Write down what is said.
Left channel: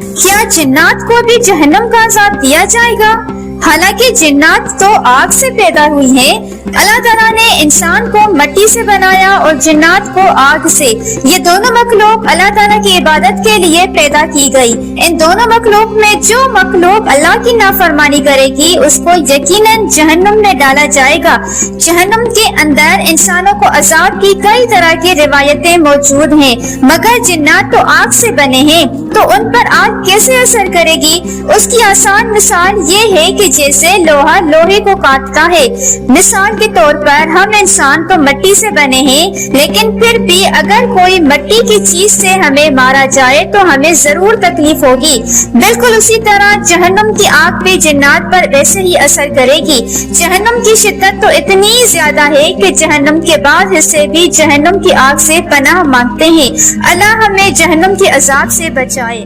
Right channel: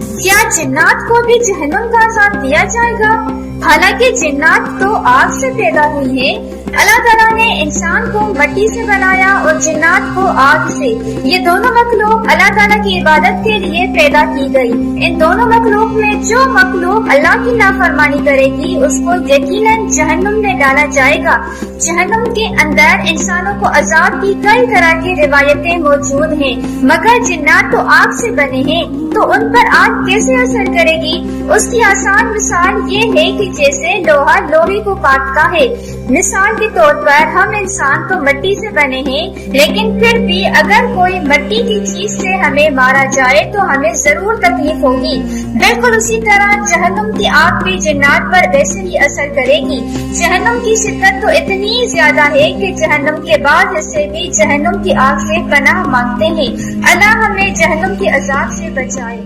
کیا جنات کو بھی جہنم کا عذاب دیا جائے گا؟ حالانکہ جنات تو آگ سے پیدا ہوئی ہیں، اللہ تعالیٰ نے انسان کو مٹی سے بنایا اور جنات کو آگ سے۔ یہ دونوں مخلوق اللہ تعالیٰ کی عبادت کے لیے پیدا کی گئی۔ ان دونوں مخلوق میں جو مخلوق اللہ کی نافرمانی کرے گی اس کو یقیناً جہنم میں ڈالا جائے گا۔ جہنم کے اندر انسانوں کو عذاب کی کئی طرح کی روایتیں موجود ہیں، مگر جنات تو آگ سے بنے ہیں تو ان پر آگ کیسے اثر کرے گی؟ اس کی آسان مثال یہ ہے کہ جیسے لوہا لوہے کو کاٹتا ہے۔ مثال کے طور پر ہم انسان تو مٹی سے بنے ہیں، لیکن پھر بھی اگر کوئی مٹی کی چیز سے ہمیں مارا جائے تو ہمیں ضرور تکلیف ہوگی۔ بالکل اسی طرح جہنم کی آگ بھی جنات پر ویسے ہی اثر کرے گی۔ جہنم کی شدت تو اتنی زیادہ ہے کہ جہنم کے بعد حصے بھی جہنم کی آگ سے پناہ مانگتے ہیں۔ اللہ ہمیں جہنم کے عذاب سے بچائے۔